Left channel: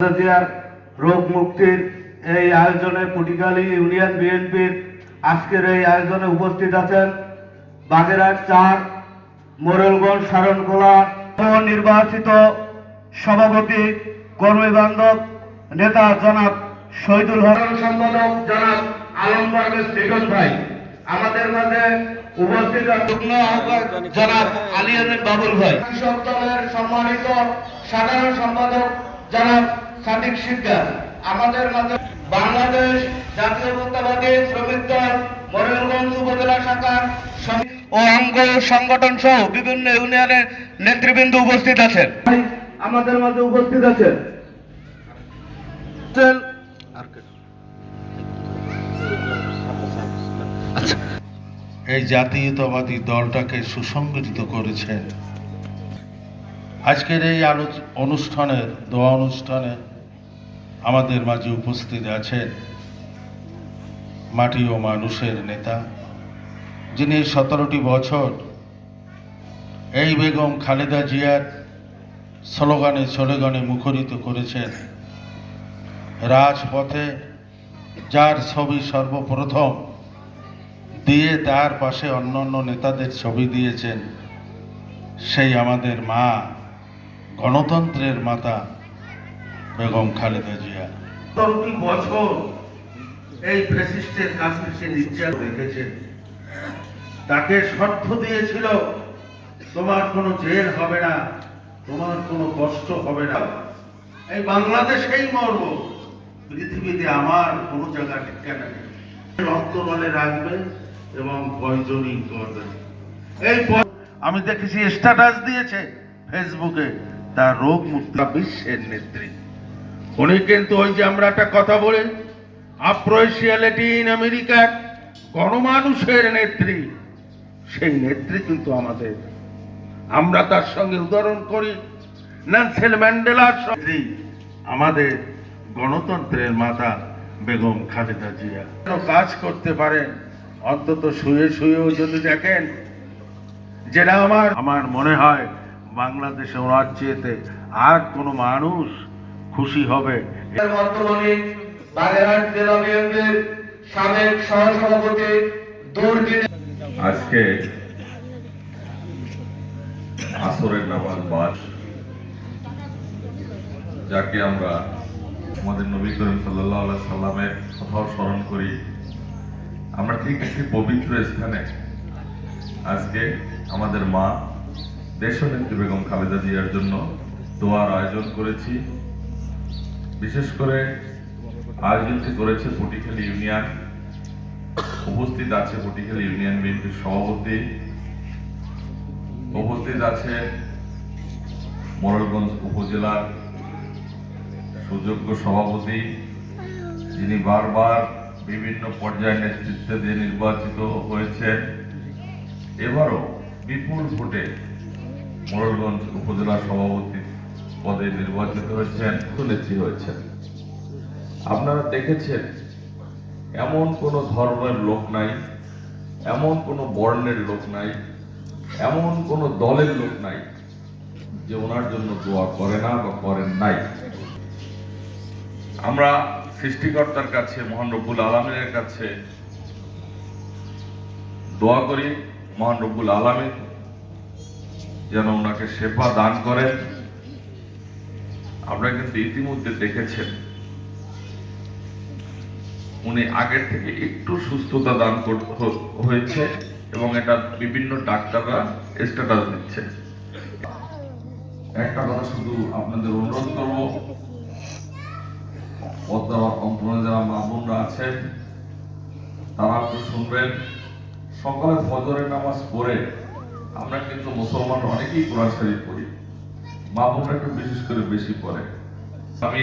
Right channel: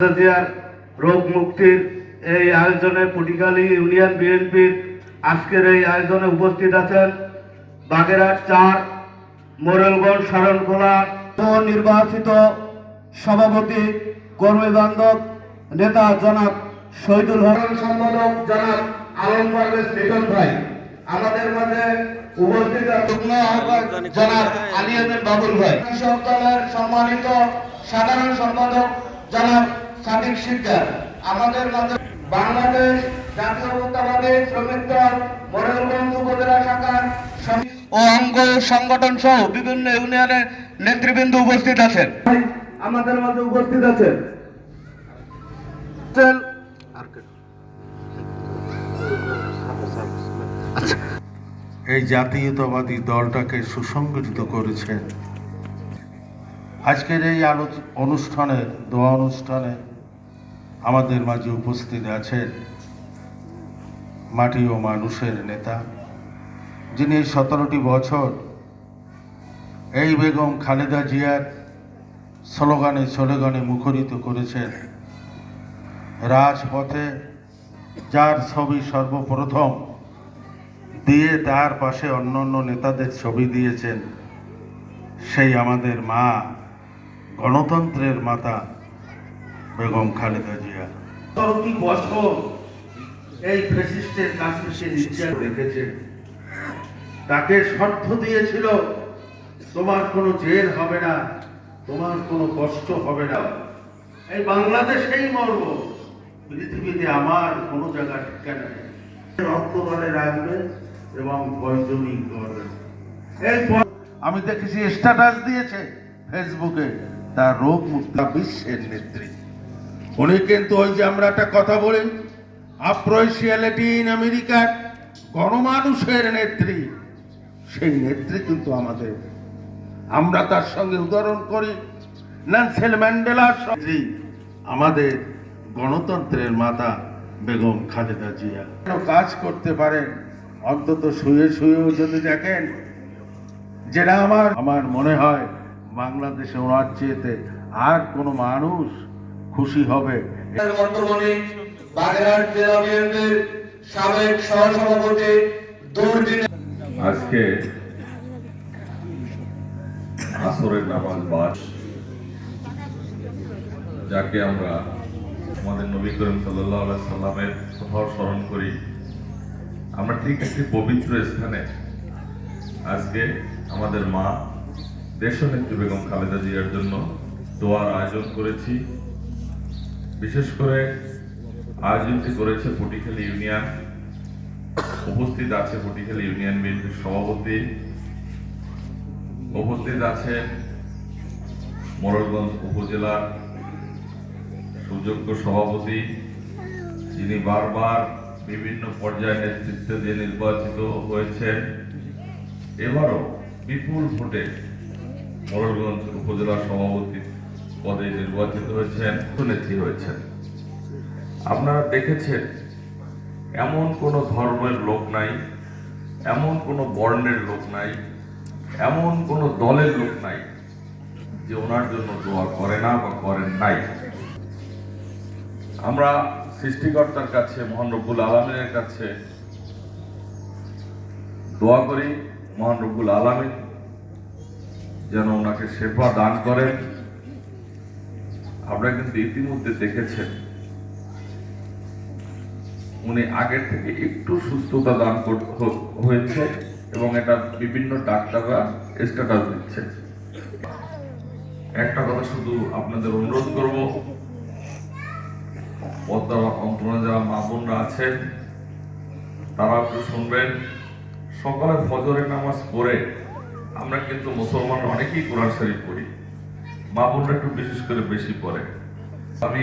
জিয়ার রোগ মুক্তির এই আয়োজনে পটিখালী ইউনিয়ন বিএনপির আজকের এই আয়োজনে উপস্থিত আছেন বাগেরহাট ৪ মোরেলগঞ্জ শরণখোলা নির্বাচিত সভাপতি কর্মী বান্ধব নেতা জনাব শহীদুল হক, সম্পাদক জনাব আলম পারভেজ লিটন ভাই, আমাদের মাঝে উপস্থিত যুগ্ম আহ্বায়ক জনাব আলী আহমেদ বাবুল ভাই, কৃষক দলের সম্মানিত সাধারণ সম্পাদক জনাব সাদিক শিকদার, আমাদের মাঝে বাংলাদেশ জাতীয়তাবাদী শ্রমিক দল মোরেলগঞ্জ উপজেলা শাখার ও অঙ্গ সংগঠন সহ বিভিন্ন ইউনিয়নের নেতৃবৃন্দ উপস্থিত আছেন। আমাদের মাঝে উপস্থিত আছেন এই জাতীয়তাবাদী দলটাকে সুসংগঠিত করেছেন। আজকের এই অনুষ্ঠানে দোয়া অনুষ্ঠানে আমাদের মাঝে উপস্থিত আছেন মাটি ও মানুষের নেতা, যিনি 17টি বছর এই বেগম খালেদা জিয়ার স্লোগানে মুখরিত করেছেন। রাজপথে যার ছবি সর্বপ্রথম দিয়ে তার পাশে অন্যান্য নেতাদের ছবি দিয়েছেন, সেই আমাদের মা, গণতন্ত্রের মাতা বেগম খালেদা জিয়া। 17টি বছর এই ফ্যাসিস্টের কাছে সে নির্যাতন রেখেছে। তাকে শর্ত দিয়েছিল, তোমার কোনো জেল হবে না, তোমার কোনো কষ্ট হবে না, এই বাংলাদেশেই মরব, পৃথিবীতে আমার কোনো জায়গা ঠিকানা নেই, অন্তরালে রাখবেন এবং পয়জনিং করবেন। এই আমি দেখেছি স্ট্যাটাস দিয়েছে ফেসবুকে, তার রোগ মুক্তি বিশ্বের নেত্রী। উনি কিন্তু ওই যে আমরা একটা কথা বলি, আফ্রো-এশিয়া ল্যাটিন আমেরিকার গণমানুষের নেত্রী, সেই নেত্রী কিন্তু আমাদের। আমরা তার সঙ্গে উদাহরণ করি নেলসন ম্যান্ডেলার সঙ্গে। আমাদের গণতন্ত্রের মাতা বেগম খালেদা জিয়া কাজ করতে পারেন, অন্তত শুয়েও যদি দেখেন, যেটা আমার মনে হয় বাংলাদেশে ওনার চেয়েতে আর কোনো মানুষ খুশি হবে। বর্তমানে বাগেরহাট জেলা বিএনপির সাবেক সহসভাপতি দুর্দিন আজকে আসরের নামাজ বাদ, যাকে আমরা আমাদের নবী করিম সাল্লাল্লাহু আলাইহি সাল্লামের কথাও স্মরণ করি, আমরা ঠিক একটি পবিত্র স্থানে আজকে আমাদের মা দেশনেত্রী বেগম খালেদা জিয়ার জন্য দোয়ার আয়োজন করেছি। বিশেষ করে আয়োজনটি করেছে পটিখালী ইউনিয়ন। উপস্থিত আছে পটিখালী ইউনিয়ন বিএনপির সভাপতি, উপস্থিত আছেন মোরেলগঞ্জ উপজেলার সুযোগ্য সভাপতি, যিনি বারবার বিভিন্ন পর্যায়ে নেতৃত্ব দিয়ে নির্বাচিত হয়েছেন, এবারও বিপুল ভোটে মোরেলগঞ্জ উপজেলা সভাপতি পদে নির্বাচিত হয়েছেন, নেত্রী হয়েছেন। আপনারা দেখেছেন এমন কোনো ধর্মের লোক নাই, এমন কোনো বর্ণের লোক নাই, এমন কোনো দলের লোক নাই যে ওনার জন্য দোয়া করে না বা করেন নাই। আমরা সৃষ্টিকর্তার কাছে, মহান রব্বুল আলামিনের কাছে দোয়া করি, মহান রব্বুল আলামিন যেন ওনাকে সেবা দান করেন। আপনারা কিন্তু ইতিমধ্যে দেখেছেন উনি আগের থেকে একটু সুস্থতা দান হয়েছে এবং এটা বিভিন্ন ডাক্তাররা স্ট্যাটাস দিচ্ছে। একটা কথা শুধু আপনাদের অনুরোধ করব, অন্তরে যারা মা বোনরা আছেন তারা একটু শুনবেন। সকালে ফজরের নামাজ পড়ে আমরা কিন্তু মুসলমান অনেকেই কোরআন শরীফ পড়ি, মা বোনরা একটু বিশেষ করে বেশি পড়ে। আমি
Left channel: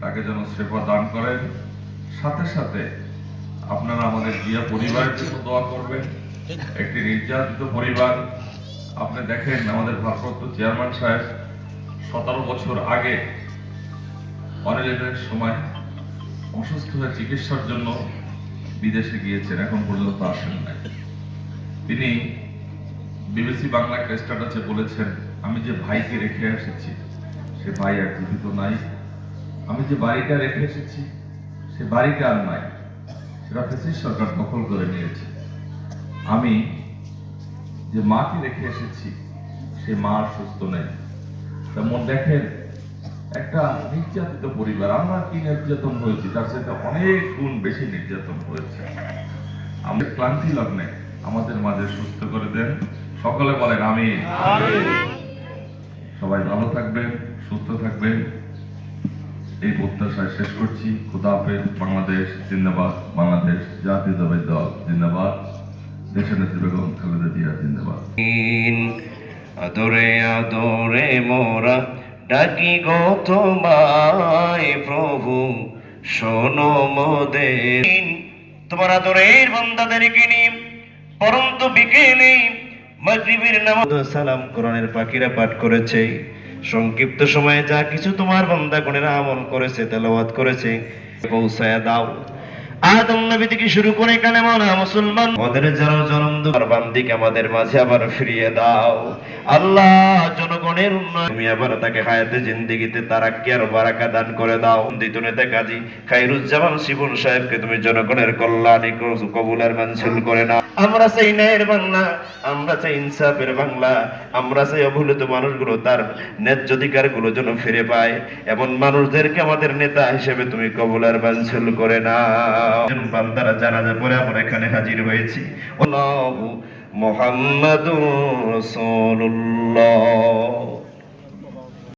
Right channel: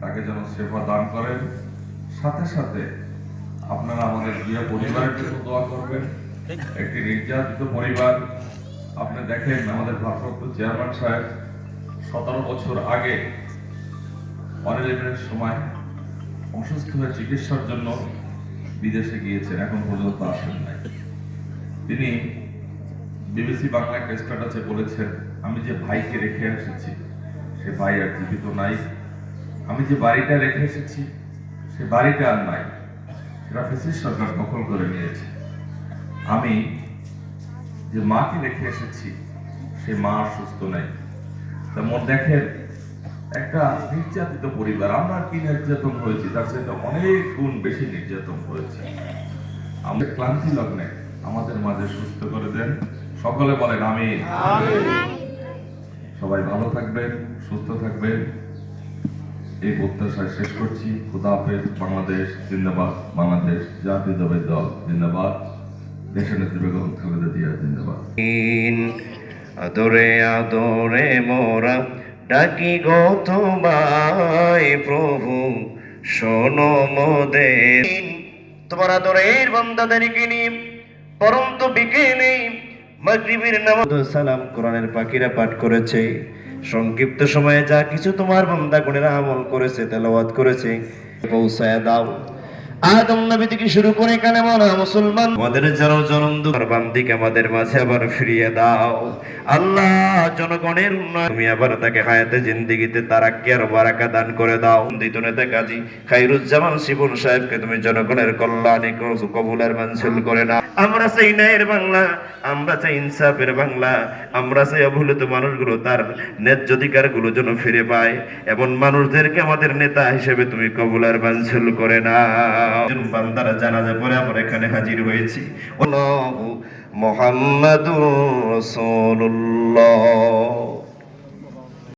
তাকে যেন সেবা দান করেন। সাথে সাথে আপনারা আমাদের জিয়া পরিবারের জন্য দোয়া করবেন। একটি নির্যাতিত পরিবার, আপনি দেখেন আমাদের ভারপ্রাপ্ত চেয়ারম্যান সাহেব 17 বছর আগে অনিলের সময় অসুস্থ হয়ে চিকিৎসার জন্য বিদেশে গিয়েছেন, এখন পর্যন্ত আসেন নাই। তিনি বিবিসি বাংলা একটা স্ট্যাটাসে বলেছেন, আমি যে ভাইকে রেখে এসেছি সে ভাই আর জীবিত নাই, আমি যে বাড়িটা রেখে এসেছি সে বাড়িটা আর নাই, সেটা ফ্যাসিস্ট সরকার দখল করে নিয়েছে। আমি যে মাকে রেখে এসেছি সে মা আর সুস্থ নেই। তেমন দেখেন, একটা নির্যাতিত পরিবার, আমরা কি নির্যাতন হয়েছি তার সাথে অনেক গুণ বেশি নির্যাতন হয়েছে। আমাদের ক্লান্তি লগ্নে আমাদের মাঝে সুস্থ করে দেন, সকলে বলেন আমিন। সবাই ভালো থাকবেন, সুস্থ থাকবেন, এই প্রত্যাশায় শেষ করছি। খোদা হাফেজ। বাংলাদেশ জিন্দাবাদ, বাংলাদেশ জাতীয়তাবাদী দল জিন্দাবাদ, দেশনেত্রী বেগম খালেদা জিয়া জিন্দাবাদ। আদরে আদরে মোরা ডাকি গো তোমায় প্রভু, শোনো মোদের। তোমার আদরের বান্দাদেরকে নিয়ে পরন্ত বিকেলে মাগরিবের নামাজ সালাম কোরআনের পাখিরা পাঠ করেছে। সংক্ষিপ্ত সময়ে যা কিছু তোমার বান্দাগণেরা আমল করেছে, তেলাওয়াত করেছে, পৌঁছায় দাও। আদম নবী থেকে শুরু করে কালেমানা মুসলমান আমাদের যারা জনম দুঃখ বান্দিকে আমাদের মাঝে আবার ফিরিয়ে দাও আল্লাহ। জনগণের উন্নয়ন তুমি আবার তাকে হায়াতে জিন্দেগিতে তারাক্কি আর বারাকা দান করে দাও। দ্বিতীয় নেতা কাজী খায়রুজ্জামান শিবুল সাহেবকে তুমি জনগণের কল্যাণে কবুলের মঞ্জুর করে নাও। আমরা চাই ন্যায়ের বাংলা, আমরা চাই ইনসাফের বাংলা, আমরা চাই অবহেলিত মানুষগুলো তার ন্যায্য অধিকার গুলো যেন ফিরে পায়। এমন মানুষদেরকে আমাদের নেতা হিসেবে তুমি কবুলের মঞ্জুর করে নাও। বান্দারা জানাজা পড়ে আমরা এখানে হাজির হয়েছি। মুহাম্মাদুর রাসূলুল্লাহ।